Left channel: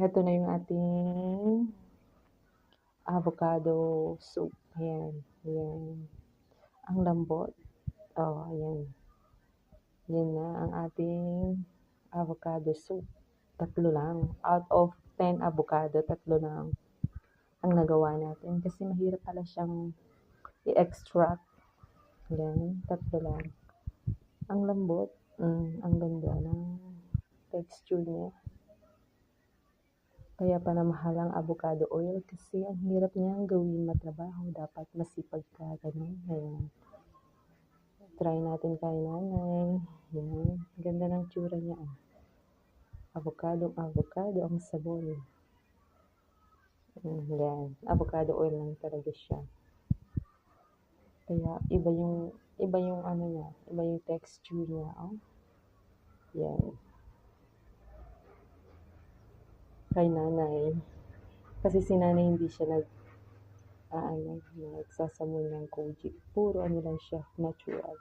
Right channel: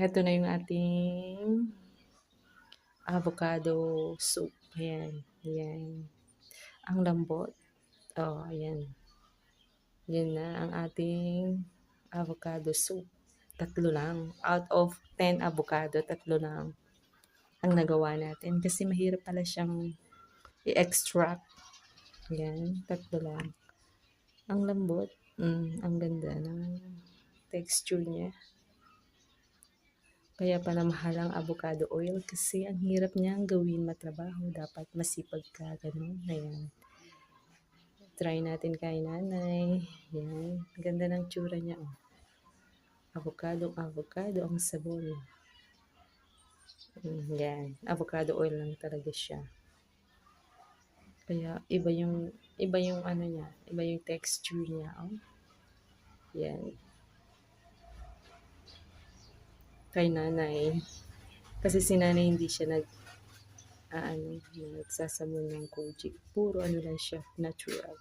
Ito na yung ating avocado soup. Ayan, yan. Ang lambot. Oh, ayan. Yan na ang ating avocado soup. 3 lang. Out of 10 avocado, 3 lang ang nagawa natin. Kasi mahirap pala siyang i-extract. Yan, 3 lang. Ang lambot. Ang ganda ng texture niya. Kaya pala mahal ang avocado oil kasi ang hirap niyang gawin matrabaho. Dapat masipag ka, ganun. Ayan. Try natin kay nanay. Yan. Ganda ng tsura niya. Oh. Avocado ang sabon. Yan. Avocado oil lang talaga siya. Kaya iba yung ano niya, iba yung texture niya. Oh. Yan. Kay nanay. Kasi si nanay hindi siya nagsasamon ng kojic. Puro ano lang siya, natural.